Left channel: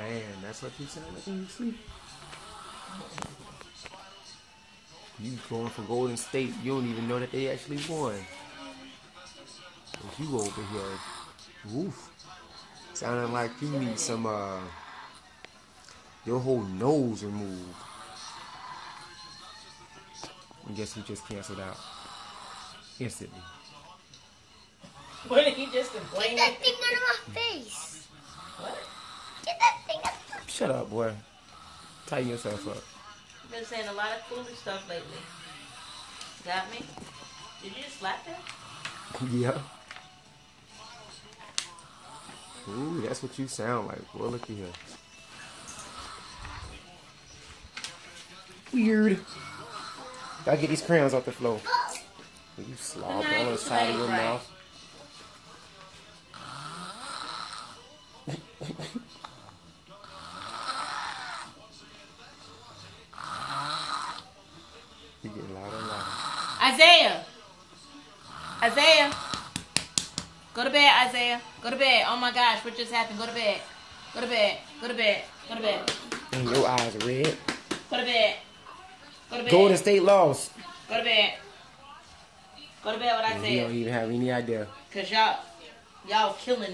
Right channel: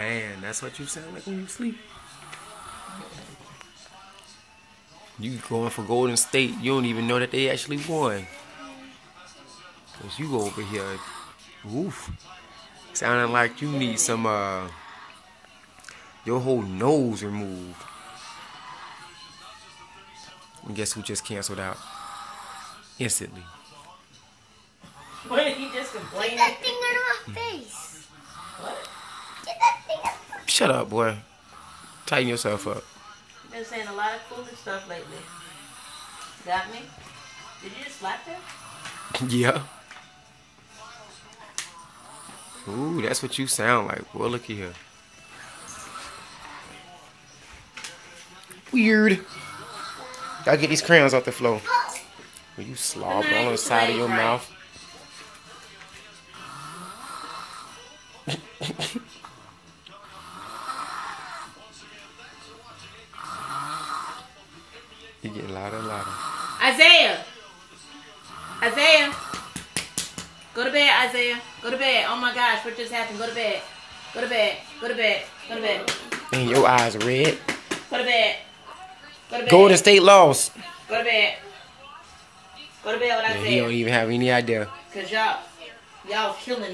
Man, that's what you sound like when you sleep. You going for Golden State, you don't even know that they actually won. Cause you over here, woof, sounding like you need some, your whole nose removed. And guess who just canceled out? Instantly. What did he just complain? Get that thing out of my face. What? Get that thing out of my face. Shut up, boy. Tighten yourself up. You've been saying a lot of foolish stuff lately. Got me? Did you just slap her? Yeah. Ooh, that's what you sound like. Boy, looky here. Weird. Gotta get these crayons off the floor. Will you slob all on the side of your mouth? You get louder and louder. Isaiah! Isaiah! Go to bed, Isaiah. Go to bed. Oh my gosh, what just happened? Go to bed. Go to bed. Go to bed. Go to bed. And your eyes are red. Go to bed. Go to bed. Golden State lost. Go to bed. Go to bed with And Isaiah. he don't even have any idea. Cause y'all killing